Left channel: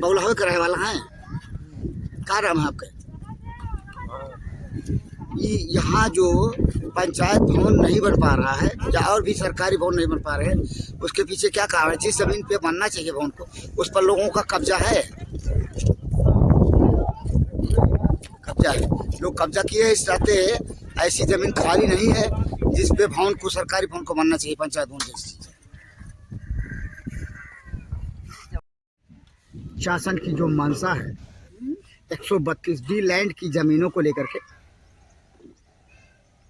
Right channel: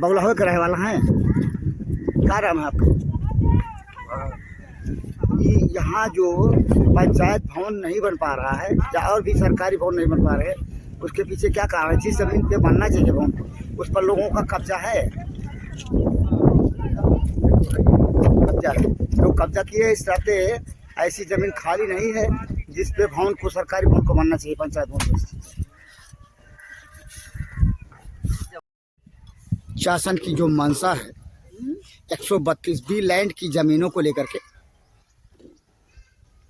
बगुलाहा का रहने वाला है। क्या नाम है आपका? ये यहाँ जो पंचायत भवन नहीं बन पा रहा है या और भी सरकारी भवन नहीं बन पा रहे हैं, उसके पीछे क्या कारण? जिस जमीन पे बनना चाहिए भवन को, उस पर लोगों का कब्जा है। कब्जा है, लोग कब्जा किए हैं। इस नाते ऐसी जमीन खाली नहीं है जिस पे भवन को, सरकारी भवन को बनना चाहिए, पंचायत भवन जैसी। शासन की जो मंशा है 132 बी लैंड की जमीनों को लेकर के,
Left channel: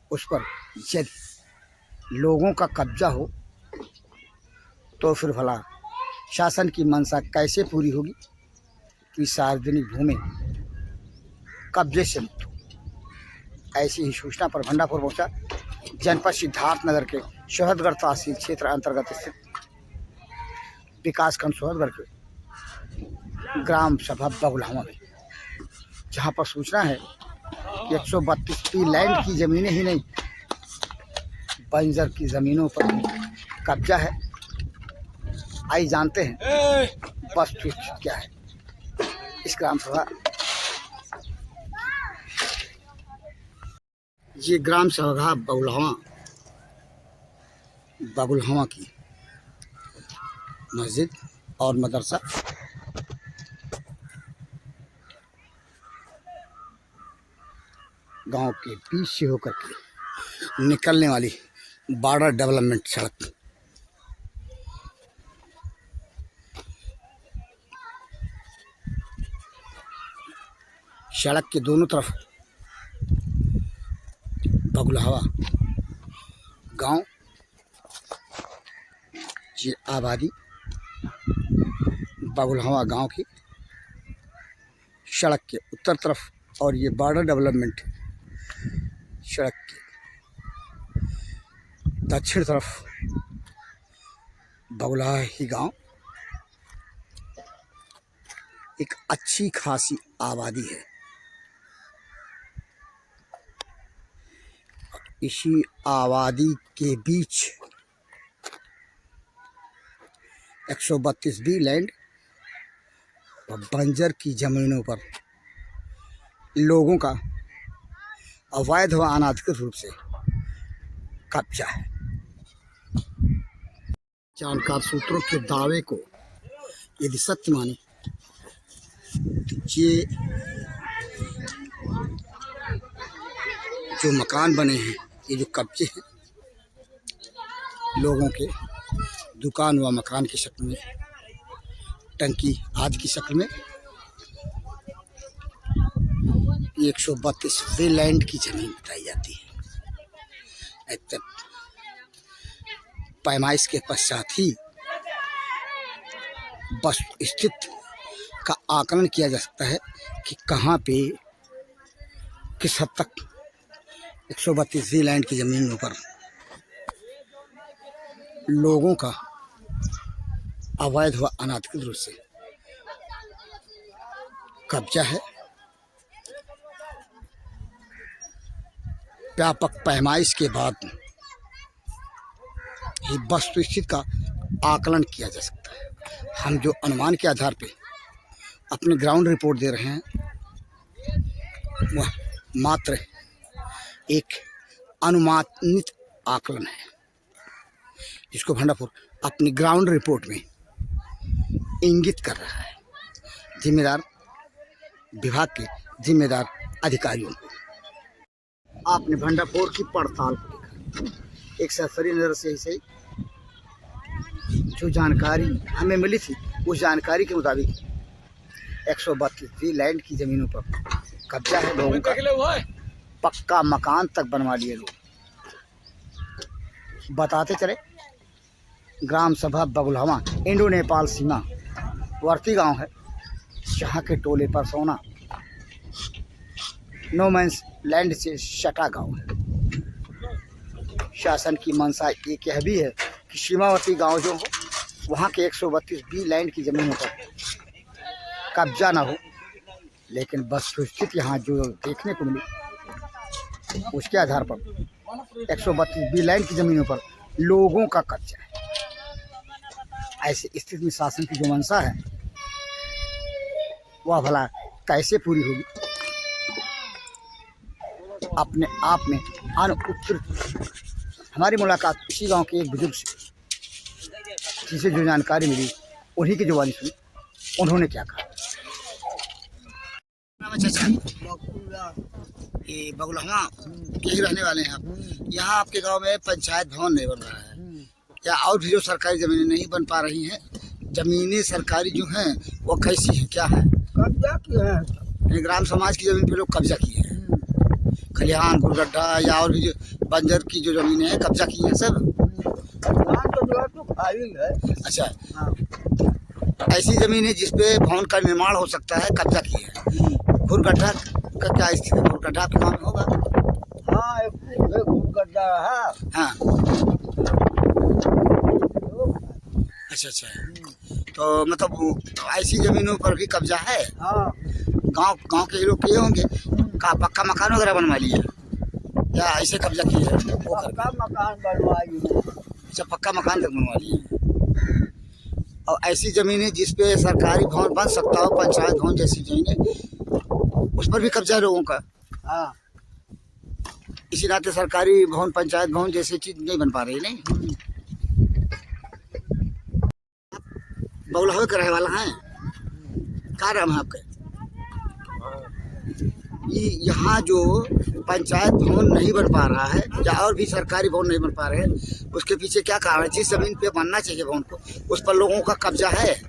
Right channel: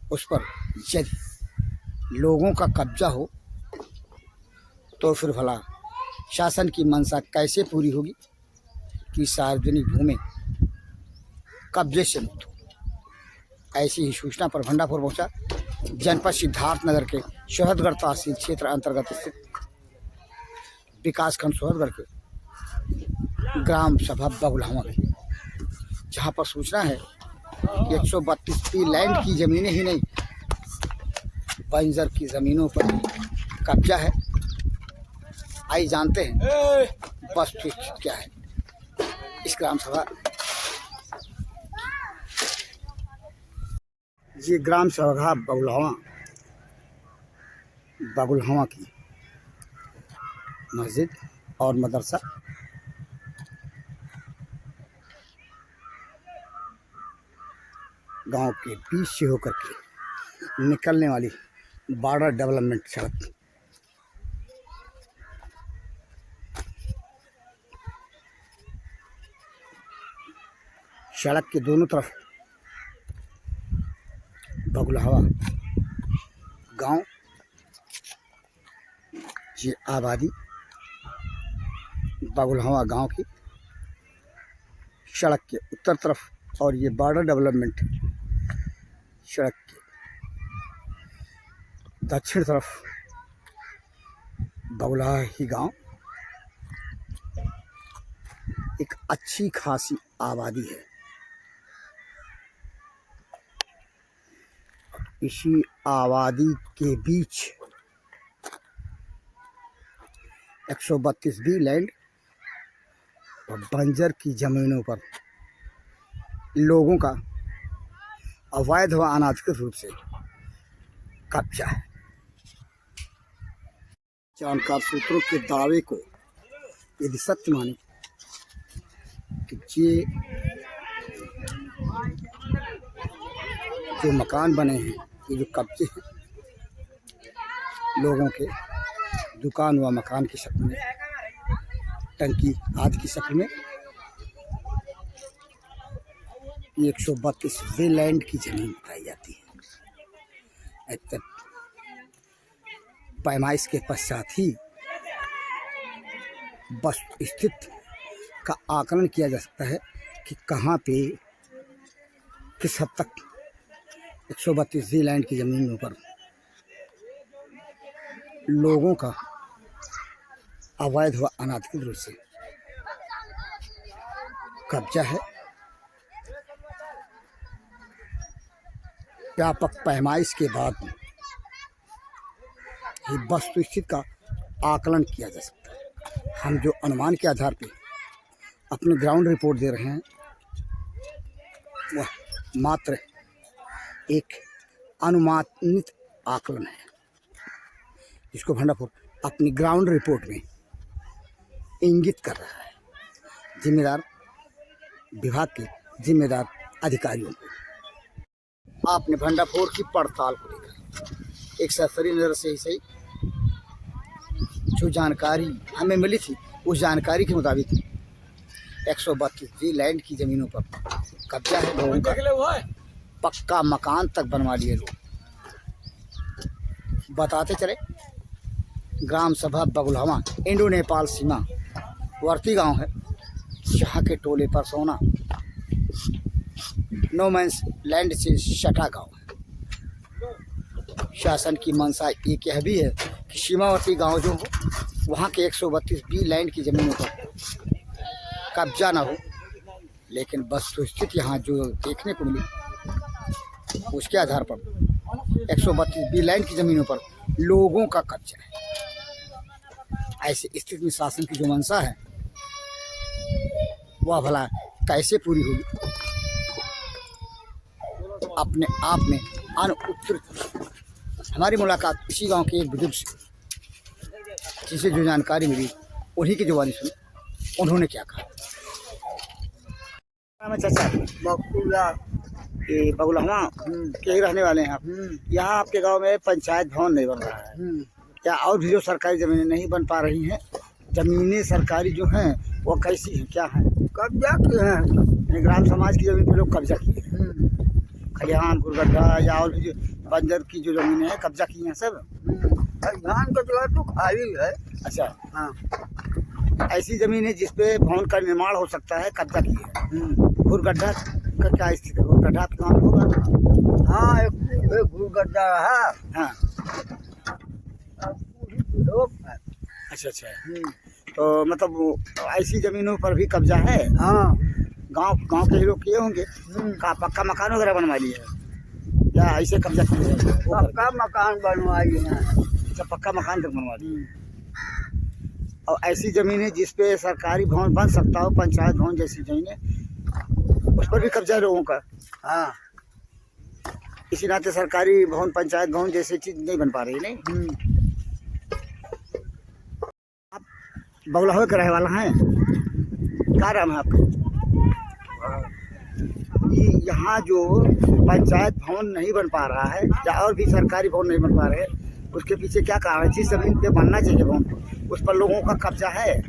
उस पर यदि लोगों का कब्जा हो तो फिर भला शासन की मंशा कैसे पूरी होगी कि सार्वजनिक भूमि कब्जे से मुक्त हो। ऐसी ही सूचना पर भंडापुर पहुंचा जनपद सिद्धार्थनगर के सोहदगढ़ तहसील क्षेत्र अंतर्गत स्थित विकासखंड सोहदगढ़ के ग्राम सभा बगुलाहा में, जहां पर सूचना है कि 132 पी लैंड की जमीनें ही नहीं, बंजर की जमीनों पर कब्जा है। आइए जानते हैं वस्तुस्थिति क्या है इस ग्राम सभा। ये ग्राम सभा बगुलाहा की मस्जिद और मदरसा गांव के बीच से होकर के निकलने वाली बॉर्डर डेवलपमेंट सड़क, सड़क के दोनों तरफ बगुलाहा गांव, ये आबादी बगुलाहा गांव की सड़क के उत्तर तरफ, और ये बॉर्डर डेवलपमेंट सड़क के दक्षिण तरफ बगुलाहा ही गांव। एक अच्छी खासी आबादी है। इसी आबादी के बीच 132 बी लैंड और बंजर की जमीनों पर लोगों का अवैध व अनाधिकृत रूप से कब्जा है। जानकार सूत्रों के दावे को यदि सत्य माने तो ये जो मकान बने हैं, ये जो कब्जे हैं लोगों के, दुकान व मकान की शक्ल में, टंकी आदि की शक्ल में, 132 वे लैंड की जमीन बताई जाती है। पैमाइश के पश्चात ही बस स्थिति का आकलन किया जा सकता है कि कहाँ पे किस हद तक 132 वे लैंड की जमीनों पर लोगों का अवैध व अनाधिकृत रूप से कब्जा है। व्यापक पैमाइश के बाद ही वस्तुस्थिति का आकलन किया जा सकता है। हम जो अनुमान के आधार पे अपनी ग्राउंड रिपोर्ट दे रहे हैं, वह मात्र एक अनुमानित आकलन है, जिसको भंडापुर अपनी ग्राउंड रिपोर्ट में इंगित कर रहा है जिम्मेदार विभाग के जिम्मेदार अधिकारियों को। आपने भंडापुर की पड़ताल को लेकर एक सरसरी नज़र से ही सही जो जानकारी हमें मिली थी, उस जानकारी के मुताबिक 132 लैंड की ज़मीनों पर कब्जा है लोगों का। पक्का मकान तक बनवा लिए लोग। बताते चले ग्राम सभा बगुलाहा इंडो नेपाल सीमा वर्ती गांव है, जहाँ के टोले पर सोना नो मैंस लैंड से सटा गांव है। शासन की मंशा एक यह भी है कि सीमावर्ती गांव जो हो, वहाँ के 132 बी लैंड की जमीन पर कब्जा ना हो, लेकिन वस्तुस्थिति यहाँ जो देखने को मिली उसके आधार पर 132 बी लैंड की जमीनों पर लोगों का कब्जा है। 80 स्थिति में शासन की जो मंशा है वह भला कैसे पूरी होगी। अपने आप में अनुत्तरित हमारी मुलाकात इसी गांव के एक बुजुर्ग से, जिसे जो जानकारी मिली उन्हीं की जुबानी सुनी। उन्होंने क्या कहा। चाचा ये बगुलहवा के ही रहने वाले हैं आप। यहाँ आपके गांव में पंचायत भवन नहीं बन रहा है, या और भी जो सरकारी ज़मीनें नहीं बन पा रही हैं। ज़मीनें सरकारी जो हैं वो कैसी हैं, क्या है? कब्जा किए हैं, ग्राम समाज की ज़मीन पे लोग कब्जा किए हैं। खलिहान गुरगड्ढा या और भी जो बंजर की जो ज़मीनें हैं कब्जा की हैं सब। धान का जगह तो खाली है। अच्छा, हाँ, ऐसी ज़मीन है जिसपे भवन का निर्माण हो सकता है, कब्जा की है। गुरगड्ढा का क्या स्थिति है? गुरगड्ढा आपके गाँव में होगा? हाँ, एक गुरगड्ढा है। हाँ, लोग हैं। अच्छा। तो मतलब ऐसी ज़मीनों पर भी कब्जा है। हाँ, गांव के ही लोग किए होंगे। का पक्का मकान वगैरह बनवा लिए या ऐसे कब्जा किए हैं? पक्का मकान बनवा लिया। अच्छा, पक्का मकान तक बनवा लिए। और ऐसी ज़मीनें जिस पे सरकारी भवन बन सकता हो, पंचायत भवन जैसी ज़मीनें, उस पर भी कब्जा है लोगों का। हाँ, इसी नाते सरकारी भवन पंचायत भवन जैसी चीज़ नहीं बन पा रही। नहीं, बगुलहवा का रहने वाला है। क्या नाम है आपका? ये यहाँ जो पंचायत भवन नहीं बन पा रहा है या और भी सरकारी भवन नहीं बन पा रहे हैं, उसके पीछे क्या कारण है? जिस जमीन पे बनना चाहिए भवन को, उस पर लोगों का कब्जा है।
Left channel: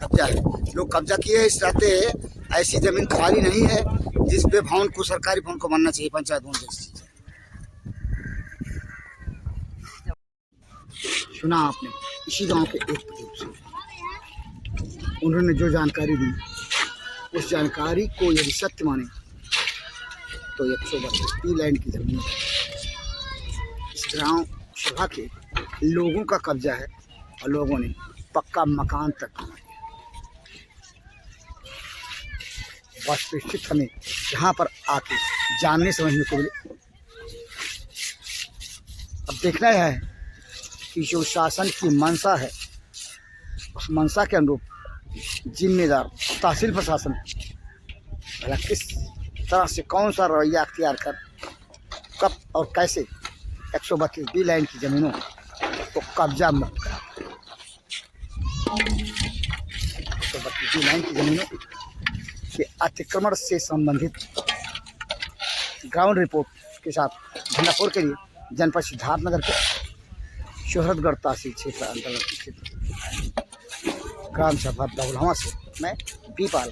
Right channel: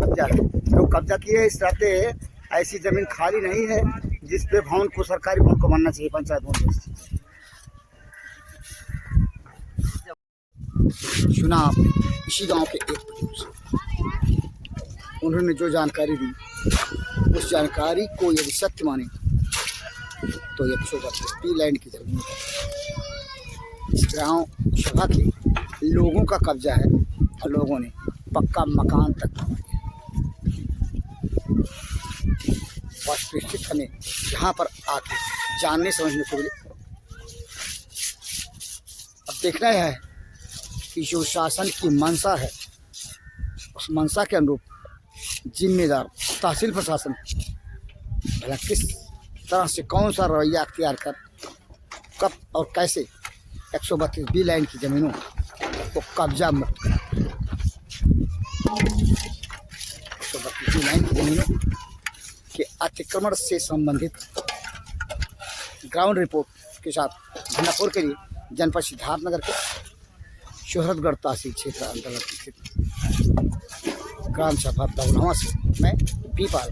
कब्जा है, लोग कब्जा किए हैं। इस नाते ऐसी जमीन खाली नहीं है जिस पे भवन को, सरकारी भवन को बनना चाहिए, पंचायत भवन जैसी। सुना आपने इसी गांव के एक बुजुर्ग से, उन्होंने जो जानकारी दी, उस जानकारी को यदि सत्य माने तो 132 लैंड की जमीन इस ग्राम सभा के लोगों का कब्जा है और लोगों ने पक्का मकान तक बनवा लिया। वास्तविक हमें यहाँ पर आके जानने समझने को मिले। अब देखना है कि जो शासन की मंशा है, उस मंशा के अनुरूप जिम्मेदार तहसील प्रशासन भला किस तरह से कौन सा रवैया अख्तियार कर कब और कैसे 132 बी लैंड की ज़मीनों को कब्जा मुक्त कर 132 बी लैंड की ज़मीनों के अतिक्रमण से संबंधित ग्राउंड रिपोर्ट के साथ झंडापुर के लिए जनपद सिद्धार्थनगर के शोहरतगढ़ तहसील क्षेत्र अंतर्गत क्षेत्र ग्राम सभा बगुलहवा से मैं पी पाल।